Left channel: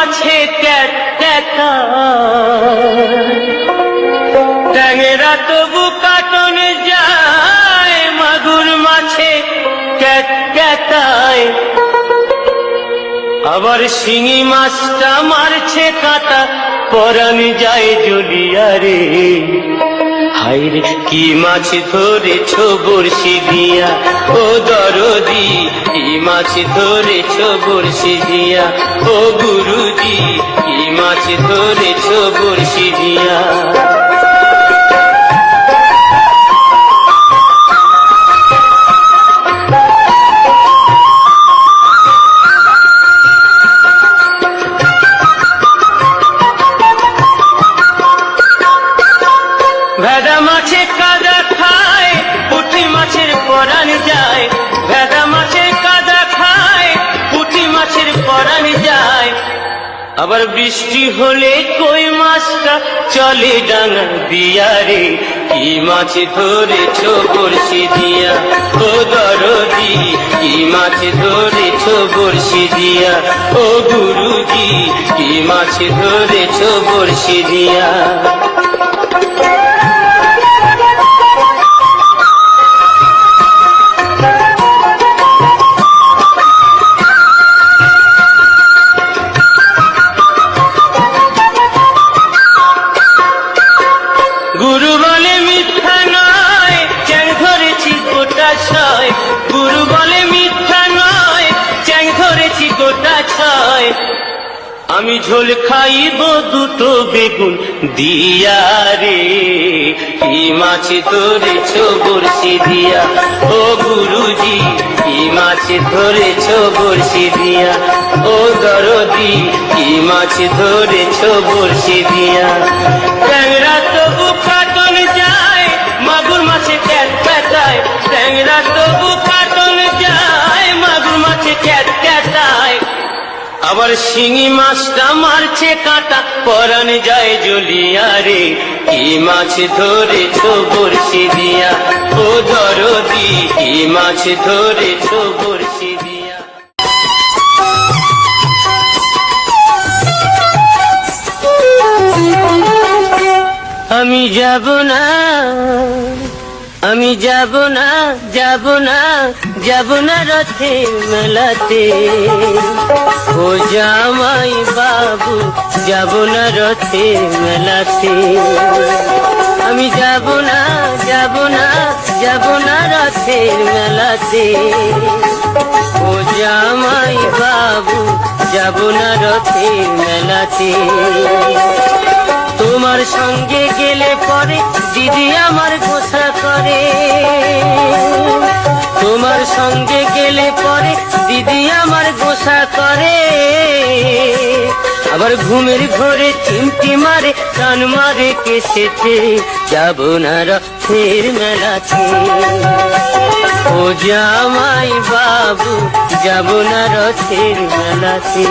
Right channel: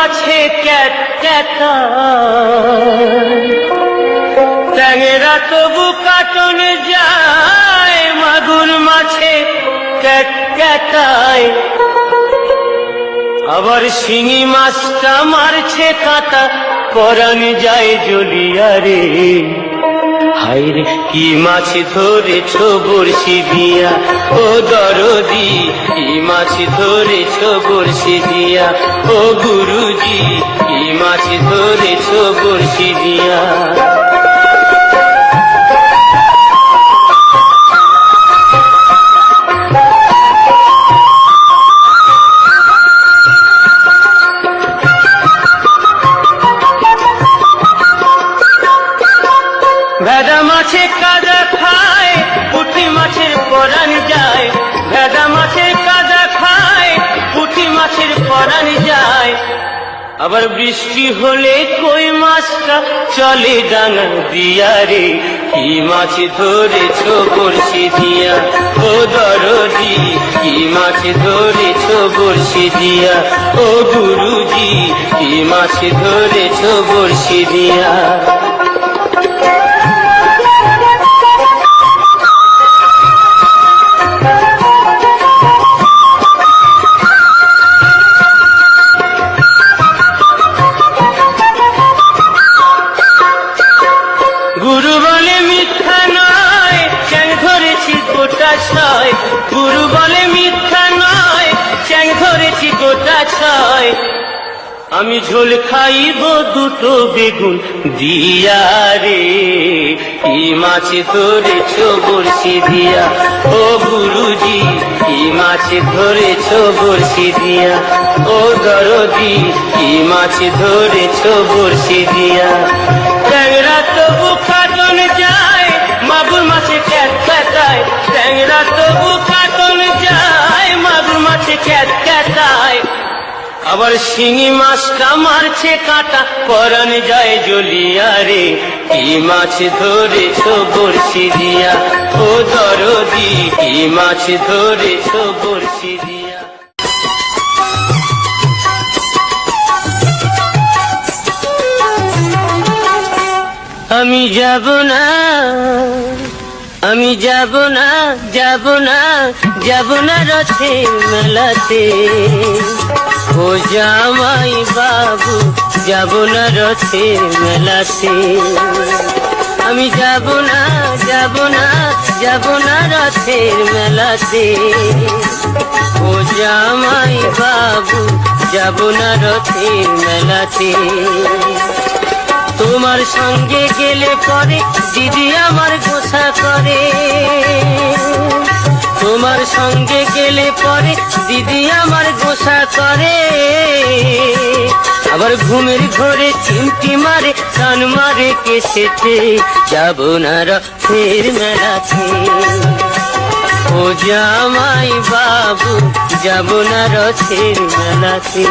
মাছে ট্যাংরা তবু কাটনে যায়, মাগুর মাছে ক্যাটায়, আবার শিঙি মাছটা মারছে কাটা, পরাণ যায় জ্বলিয়া রে। হায়রে কি মাছ ধরেছ বড়শি দিয়া, ও দরদি কি মাছ ধরেছ বড়শি দিয়া, ও গুরুজি কি মাছ ধরেছ বড়শি দিয়া। ভেদা মাছে কাদা খায়, পুঁটি মাছের পরাণ যায়, ভেদা মাছে কাদা খায়, পুঁটি মাছের পরাণ যায়, আবার বৃষ্টি হলে কই মাছটা চলে ডাঙা দিয়া রে। কি মাছ ধরেছ বড়শি দিয়া, ও দরদি কি মাছ ধরেছ বড়শি দিয়া, ও গুরুজি কি মাছ ধরেছ বড়শি দিয়া। গুরু বলে মিথ্যা নয়, চ্যাং ধরেছি গোটা ছয়, গুরু বলে মিথ্যা নয়, চ্যাং ধরেছি গোটা ছয়, আমি ঝোল খাইব দুটো বেগুন দিয়া রে। কি মাছ ধরেছ বড়শি দিয়া, ও গুরুজি কি মাছ ধরেছ বড়শি দিয়া, ও দরদি কি মাছ ধরেছ বড়শি দিয়া। ট্যাংরা তবু কাটন যায়, মাগুর মাছে ক্যাটায়, ট্যাংরা তবু কাটন যায়, মাগুর মাছে ক্যাটায়, আবার শিঙি মাছটা মারছে কাটা, পরাণ যায় জ্বলিয়া রে। কি মাছ ধরেছ বড়শি দিয়া, ও দরদি কি মাছ ধরেছ বড়শি দিয়া। আমি যাব না, আমি যাব না, যাব না, যাব না রথের মেলাতে, ও জামাই বাবু যাব না রথের মেলাতে। আমি যাব না, যাব না, যাব না রথের মেলাতে, ও জামাই বাবু যাব না রথের মেলাতে। তোমার সঙ্গে গেলে পরে দিদি আমার গোসা করে, তোমার সঙ্গে গেলে পরে দিদি আমার গোসা করে, আবার ঘুমের ঘরে চিমটি মারে, টান মারে কেসেতে, যাব না রথের মেলাতে, ও জামাই বাবু যাব না রথের মেলাতে।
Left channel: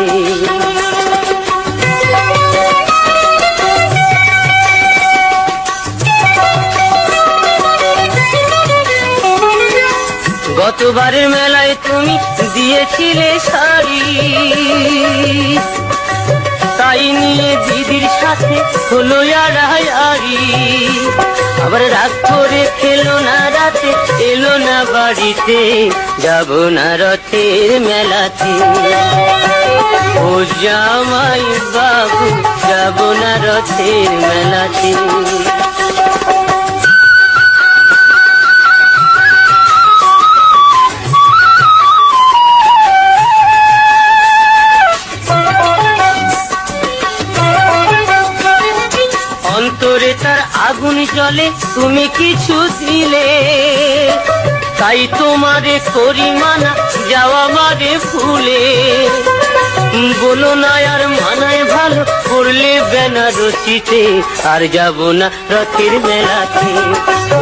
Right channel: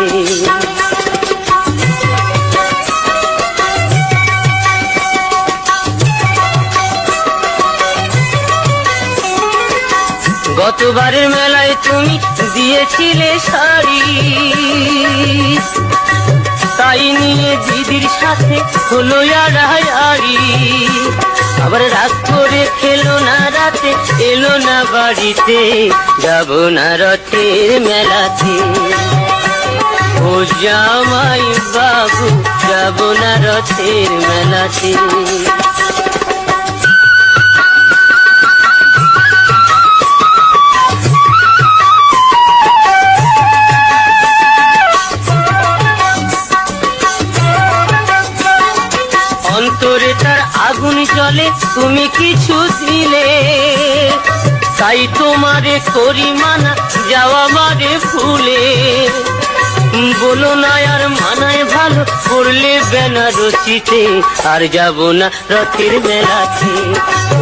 গতবারের মেলায় তুমি দিয়েছিলে শাড়ি, তাই নিয়ে দিদির সাথে হলো আড়াআড়ি, আবার রাগ করে খেলো না রাতে, এলো না বাড়িতে, যাব না রথের মেলাতে, ও জামাই বাবু যাব না রথের মেলাতে। অন্তরে তার আগুন জ্বলে, তুমি কিছু দিলে, তাই তোমারে করি মানা, যাওয়া মারে ফুলে, বলো না আর মানায় ভালো, করলে বেনারসিতে, আর যাব না রথের মেলাতে,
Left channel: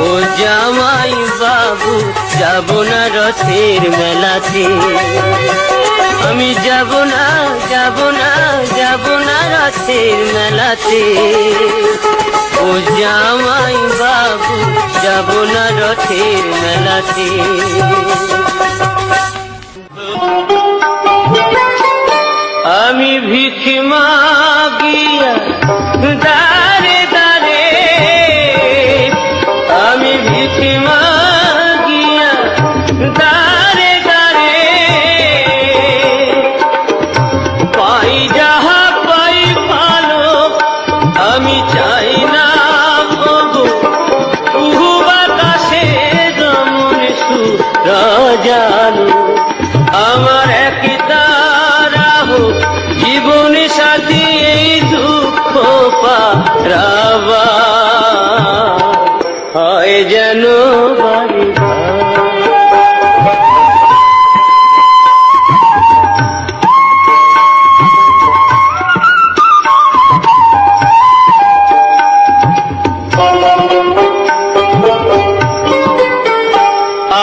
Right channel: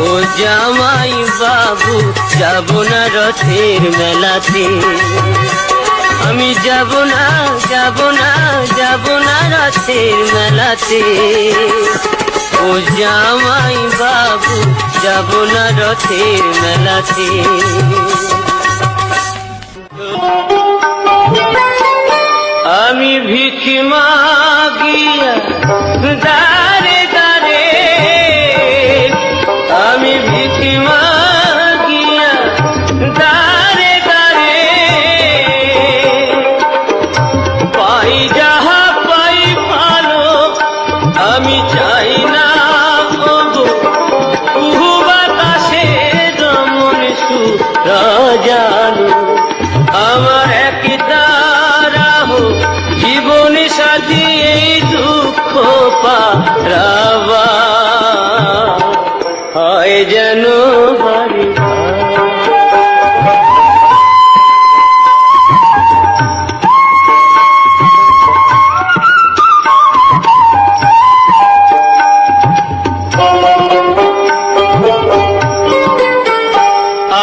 ও জামাই বাবু যাব না রথের মেলাতে। আমি যাব না, যাব না, যাব না রথের মেলাতে, ও জামাই বাবু যাব না রথের মেলাতে। আমি ভিখিমা আমি চাই না প্রভু কুহু বাতাসে দমন সুরা জানো আমার এক তারা হোক জীবন সাথী এই দুঃখ পারাবা হয় যেন বাড়ি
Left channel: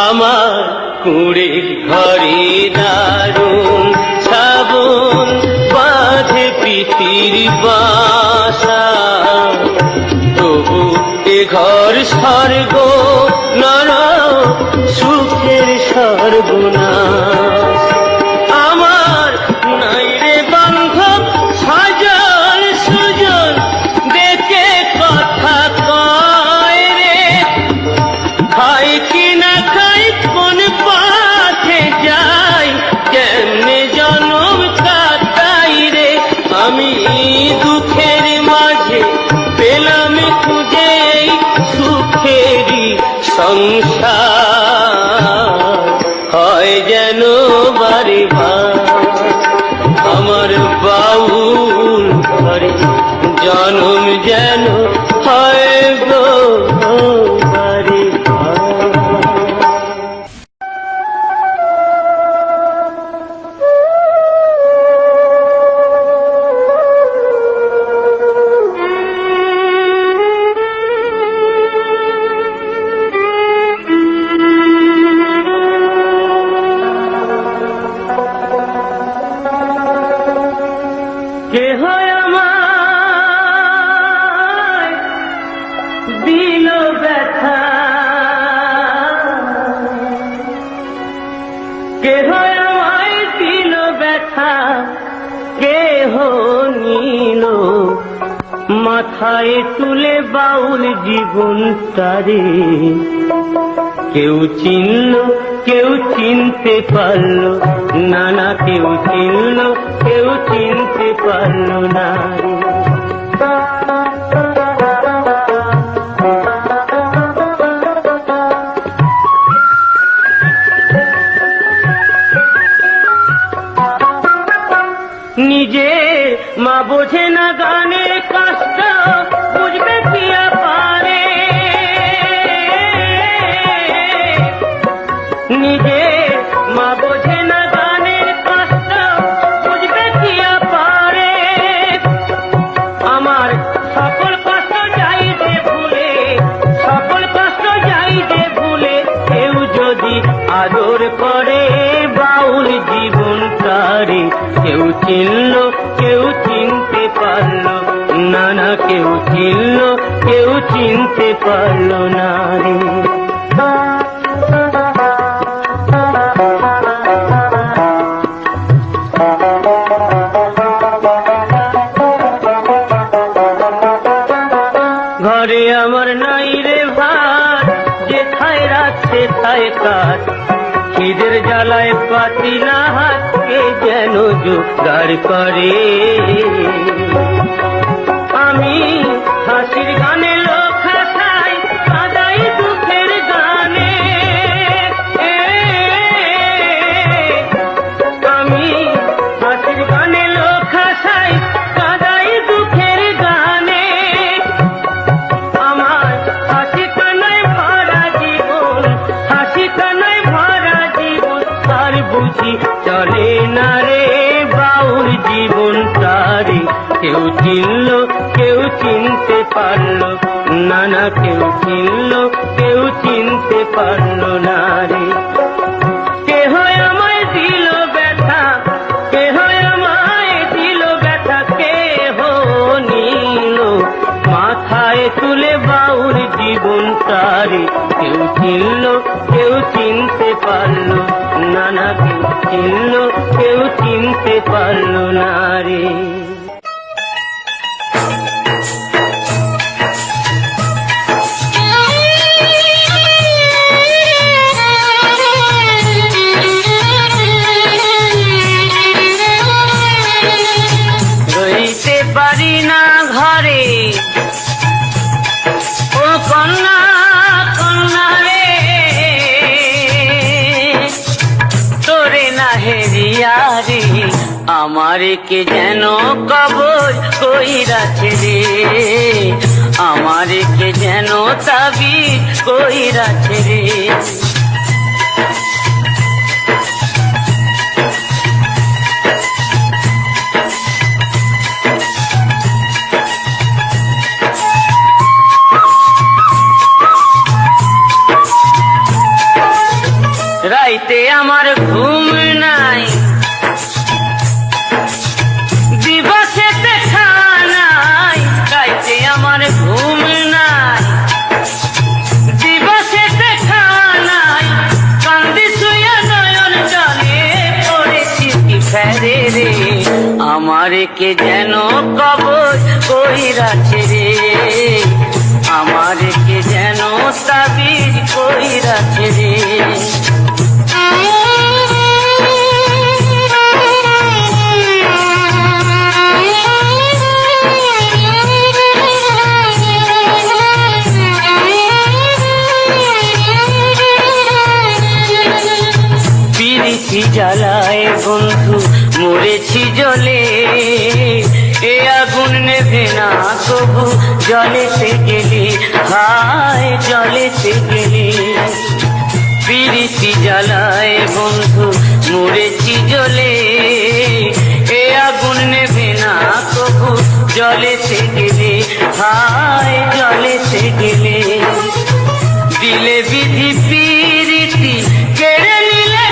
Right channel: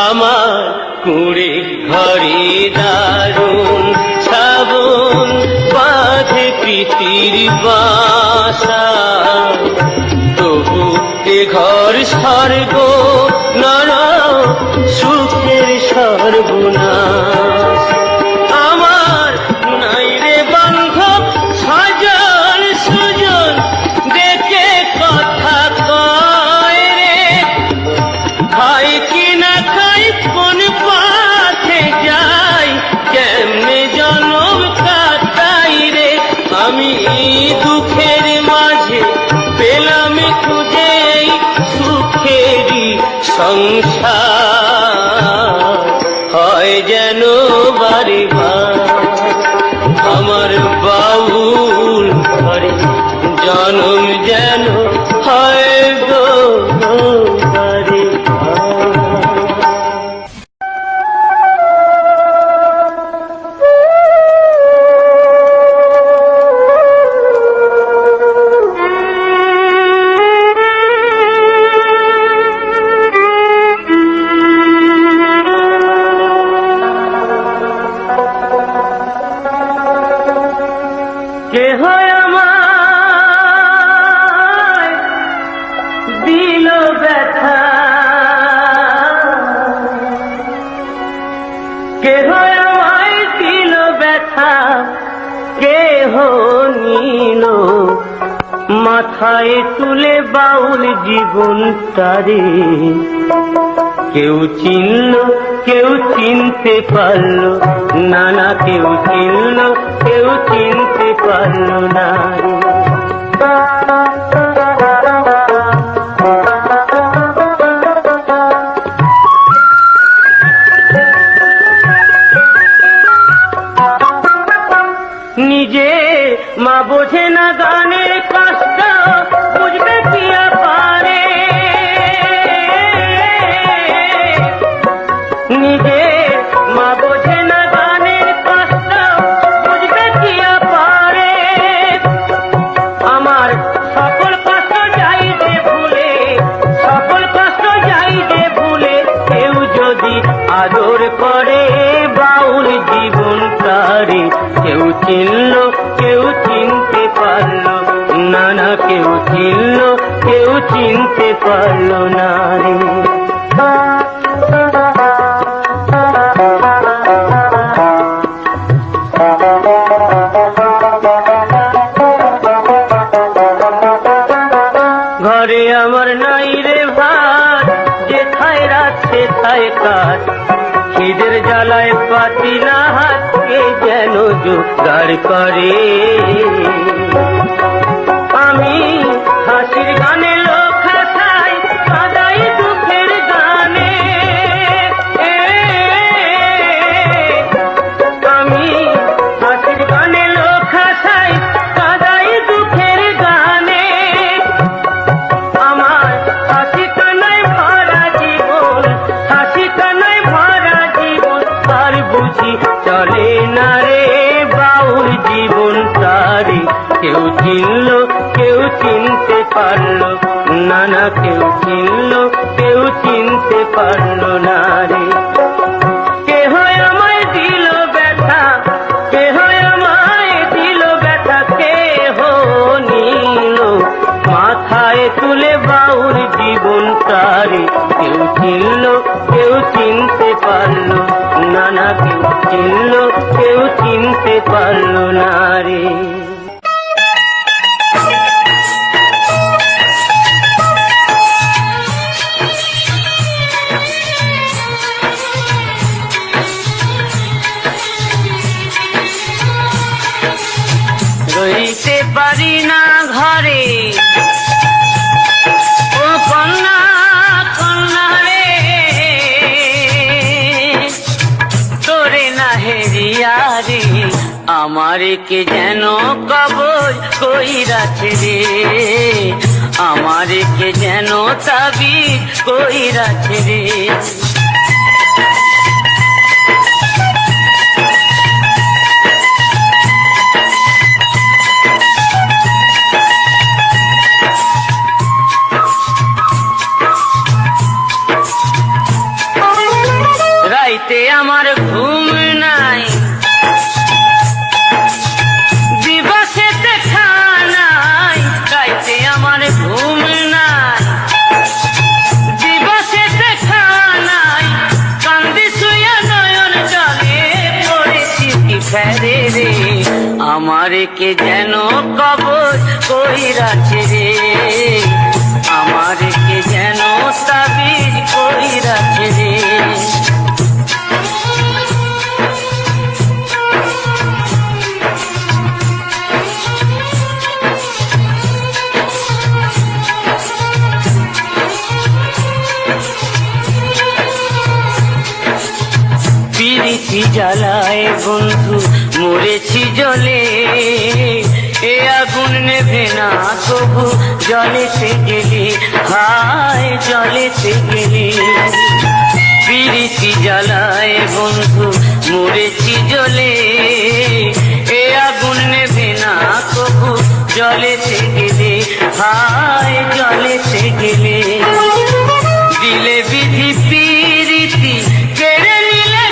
আমার কুড়ে ঘরে দারুণ শ্রাবণ বাঁধে প্রীতির বাসা তবু এ ঘর স্বর্গ নর সুখের সর্বনাশ আমার নাই রে বান্ধব সাজান সুজন দেখে কথা কয় খাই কিনা খাই কোন পাখে যাই কেমনে জনম কাটাই রে আমি দুঃখের মাঝে পেলাম খুঁজে সুখেরই সংসার হয় যেন বাড়ি আমার বাউল জনম যেন হয় বাড়ি কেহ আমার দিল ব্যথা কেহ আমায় দিল ব্যথা কেহ নিল মাথায় তুলে বাউল জীবন তারে কেউ চিনল কেউ চিনতে পারল না না কেউ চিনল কেউ চিনতে পারল না নিজে মা বোঝে না গানের কষ্ট বুঝতে কি পারে নিজে মা বোঝে না গানের কষ্ট বুঝতে কি পারে আমার সকল কষ্ট যাইতে ভুলে সকল কষ্ট যাইতে ভুলে কেউ যদি আদর করে বাউল জীবন তারে কেউ চিনল কেউ চিনতে পারল না না কেউ চিনল কেউ চিনতে পারল না রে ঘরে আমার নাই রে ভাত যেথায় রাত সেথায় কাঠ খিদের জ্বালায় পাতি না হাত কেউ যেন জোগাড় করে আমি হাসির গানে লোক হাসাই কাদাই দুঃখের গানে আমি হাসির গানে লোক হাসাই কাদাই দুঃখের গানে আমার হাসি কানায় ভরা জীবন হাসি কানায় ভরা জীবন আর বুঝি চলে না রে বাউল জীবন তারে কেউ চিনল কেউ চিনতে পারল না না কেউ চিনল কেউ চিনতে পারল না রে কেহ আমায় দিল ব্যথা কেহ আমায় দিল ব্যথা কেহ নিল মাথায় তুলে বাউল জীবন তারে কেউ চিনল কেউ চিনতে পারল না না কেউ চিনল কেউ চিনতে পারল না রে রইতে পারি না ঘরে ও কন্যা কন্যা রে তোরে না হেরিয়া রে আমার কে যেন কবর কইরাছে রে আমার কে যেন তাবিজ কইরাছে রে রাইতে আমার ঘুম নাই দিবসে দেখা নাই রাইতে আমার ঘুম নাই দিবসে দেখা নাই কান্দি শুয়া নয়ন জলে পড়েছি কি ফেরে রে আমার কে যেন কবর কইরাছে রে আমার কে যেন তাবিজ কইরাছে রে পিরিতি জ্বালায় বন্ধু মরেছি জলে এ আগুন নেভে না তবু জলেতে গেলে হায় জলেতে গেলে পিরিতি জ্বালায় বন্ধু মরেছি জলে এ আগুন নেভে না তবু জলেতে গেলে হায় জলেতে গেলে দিলে বিধি পিরিতি কেড়ে নিলে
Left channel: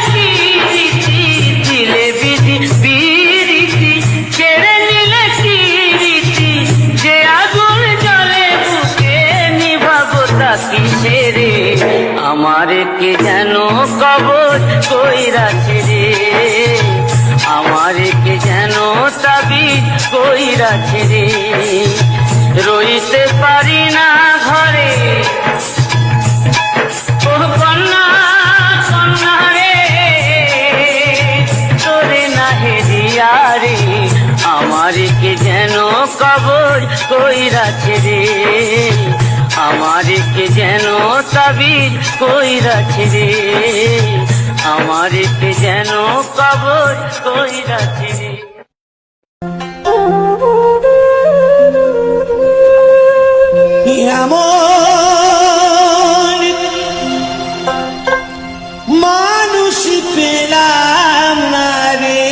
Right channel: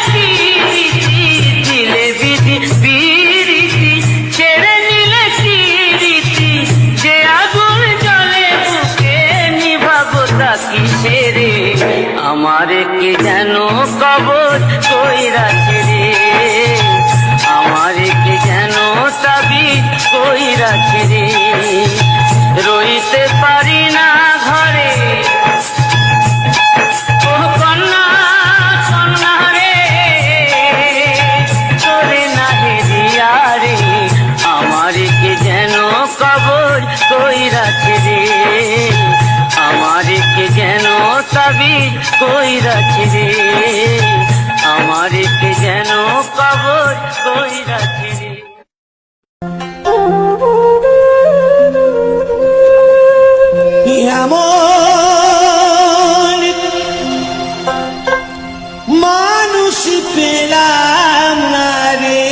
দিলে বিধি পিরিতি কেড়ে নিলে কিরিতি যে আগুন জলে বুকে নিভাবো তাকি ফেরে আমার কে যেন কবর কইরাছে রে আমার কে যেন তাবিজ কইরাছে রে রইতে পারি না ঘরে তোর কন্যা কন্যা রে তোরে না হেরিয়া রে আমার কে যেন কবর কইরাছে রে আমার কে যেন তাবিজ কইরাছে রে আমার কে যেন কবর কইরাছে রে এমন মানুষ পেলাম না রে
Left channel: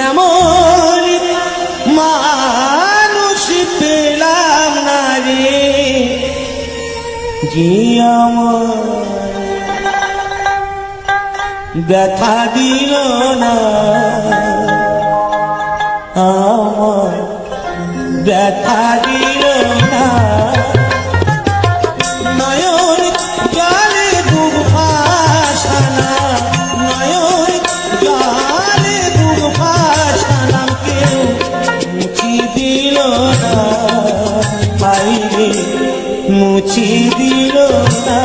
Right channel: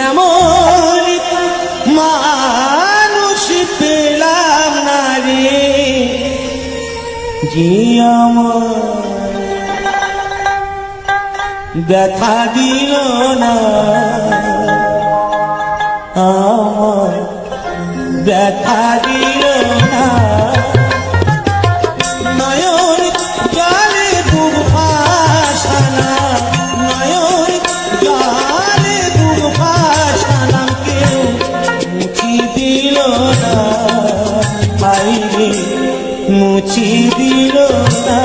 এমন মানুষ পেলাম না রে যে আমার ব্যথা দিল না আমার ব্যথা দিল না নয়ন জলে বুক ভাসানা নয়ন জলে বুক ভাসানা কেউ মুছি দিল না বাইরে মুছি দিল না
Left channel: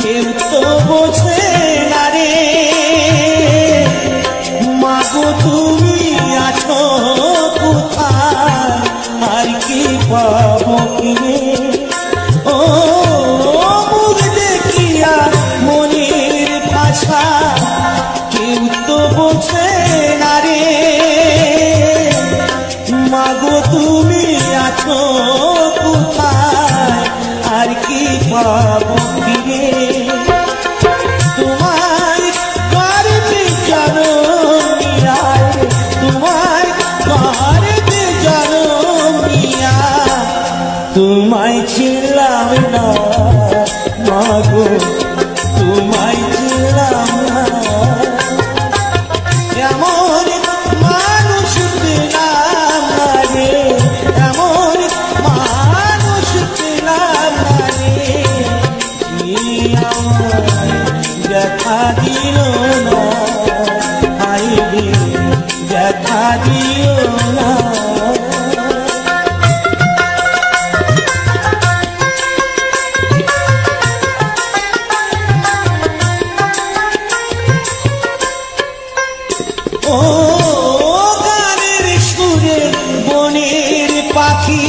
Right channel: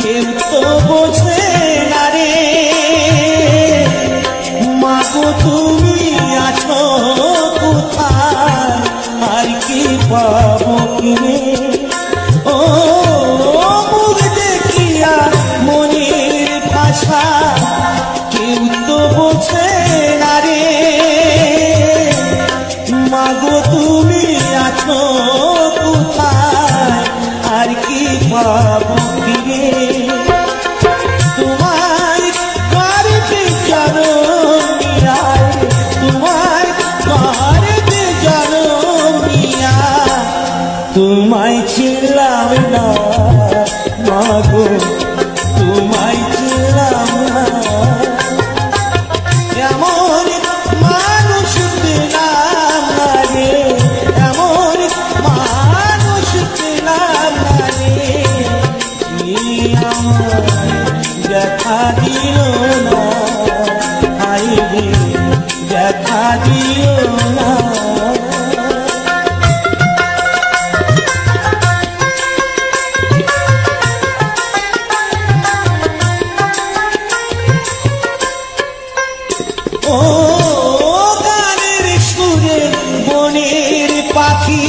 কেউ তো বোঝে না রে মাগো তুমি আছো কোথায় আর কি পাবো কিনে ও মুখ দেখিয়া মনের ভাষা কেউ তো বোঝে না রে মাগো তুমি আছো কোথায় আর কি পাবো ফিরে তোমার করবে জনমিয়া তোমার করবে জনমিয়া তোমায় ছিলাম না মাগো তোমায় ছিলাম না এমন মানুষ পেলাম না রে এমন মানুষ পেলাম না রে দেখা দিল না হাই রে দেখা দিও না। ও গানের সুরে বনের পাখি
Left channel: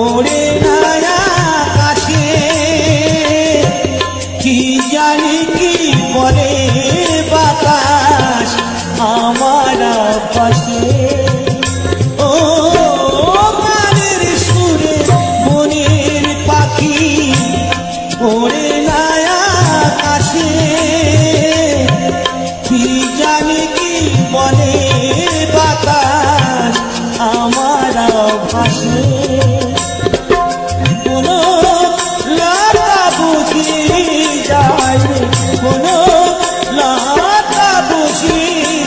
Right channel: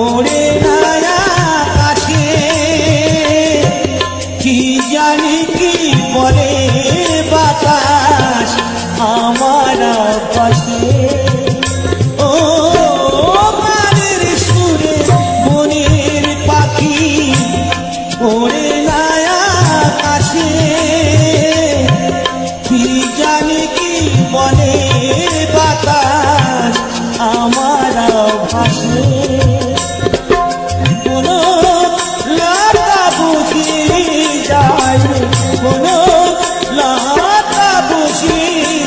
ওড়ে না আকাশে, কি জানি কি বলে বাতাস আমার পাশে। ও গানের সুরে বনের পাখি ওড়ে না আকাশে, কি জানি কি বলে বাতাস আমার ভাসে। কোনো লতা বুঝি যায়, কোনো লতা বুঝি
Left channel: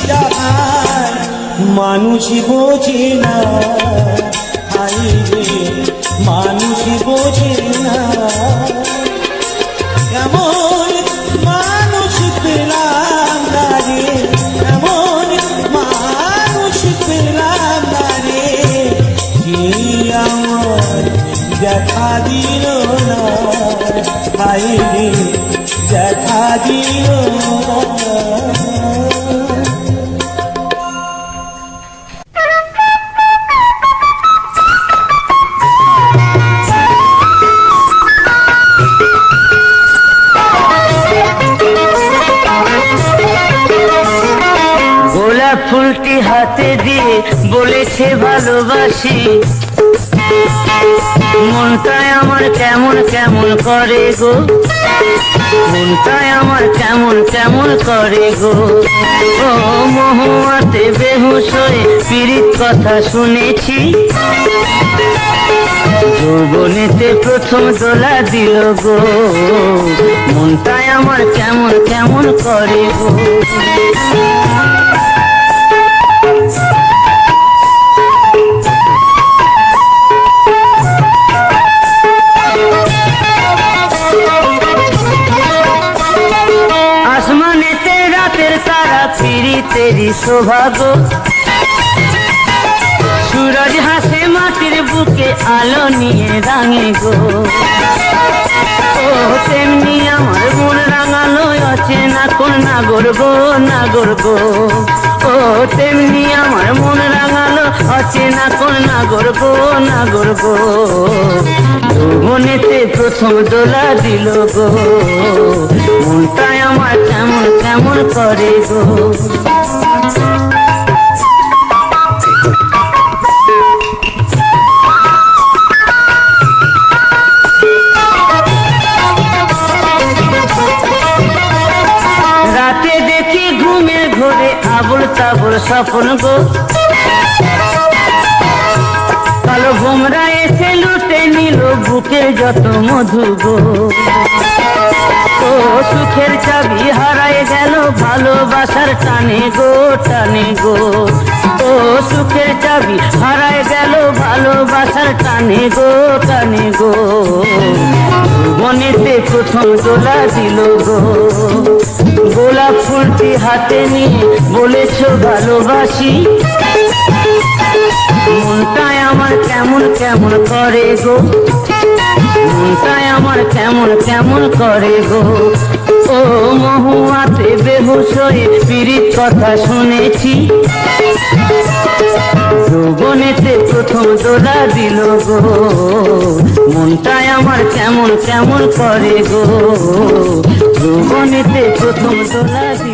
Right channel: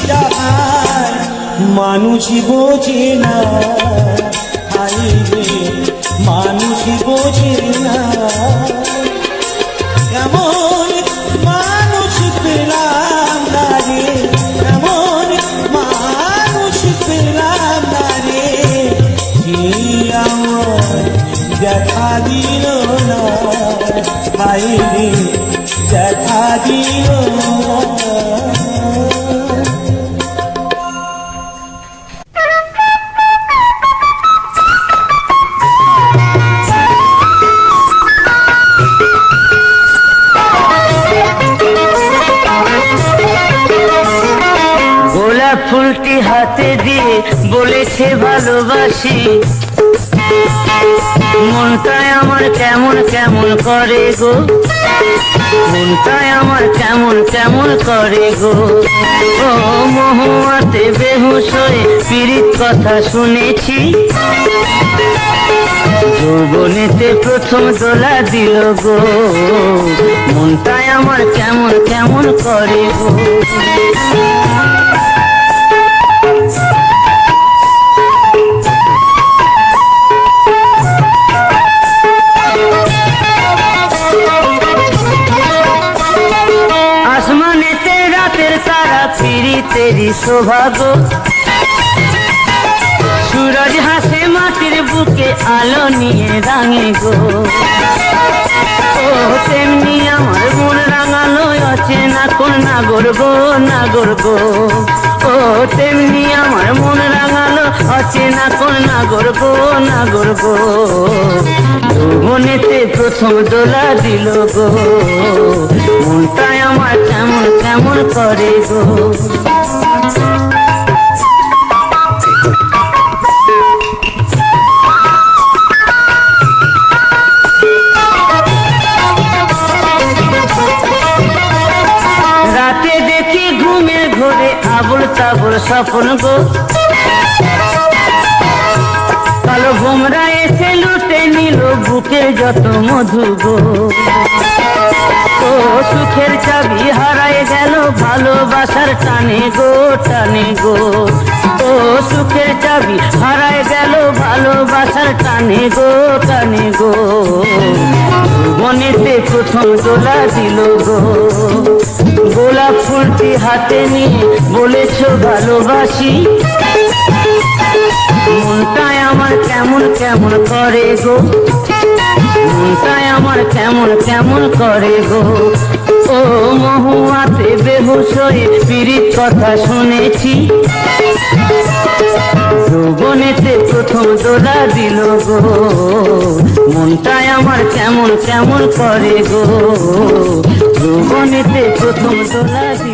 যায়, মানুষ বোঝে না, হাই রে মানুষ বোঝে না। এমন মানুষ পেলাম না রে, এমন মানুষ পেলাম না রে, যে আমার দেখা দিল না, হাই রে দেখা দিল না। গোলাপ ফুলটি হাতে দিয়ে বলেছে ভালোবাসি, মনটাই আমার কেমন কেমন করে গো, মনটাই আমার কেমন কেমন করে গো। ও মহুয়াতে বেহুশ হয়ে পীড়িত কথা শুনেছি, যৌবনেতে প্রথম দোলা দিল গো, মনটাই আমার কেমন কেমন করে গো। আসমানেতে রাতের তারা পীড়িতেরই সৌভাগ্য, সূরজ হাসে মাটির বুকে আলো নিয়ে রাঙে গো। ও তেমনি আমার মন রাঙালো অচেনা কোন নাগর গো, নাগর গো। ও তেমনি আমার মন রাঙালো অচেনা কোন নাগর গো, নাগর গো। যৌবনেতে প্রথম দোলা দিল গো, মনটাই আমার কেমন কেমন করে গো। রাতে দেখি ঘুমের ঘোরে আবুল তাবুল স্বপ্ন গো, কালো ভোমরা এসে লুটে নিল বুকের যত মধু গো। ও সুখের চাবি হারায় গেল ভালোবাসার টানে গো, টানে গো। ও সুখের চাবি হারায় গেল ভালোবাসার টানে গো, টানে গো। মনেতে প্রথম দোলা দিল গো, গোলাপ ফুলটি হাতে নিয়ে বলেছ ভালোবাসি, মনটাই আমার কেমন কেমন করে গো, মনটাই আমার কেমন কেমন করে গো। ও মহুয়াতে বেহুশ হয়ে পীড়িত কথা শুনেছি, যৌবনেতে প্রথম দোলা দিল গো, মনটাই আমার কেমন কেমন করে গো, যৌবনেতে প্রথম দোলা দিল।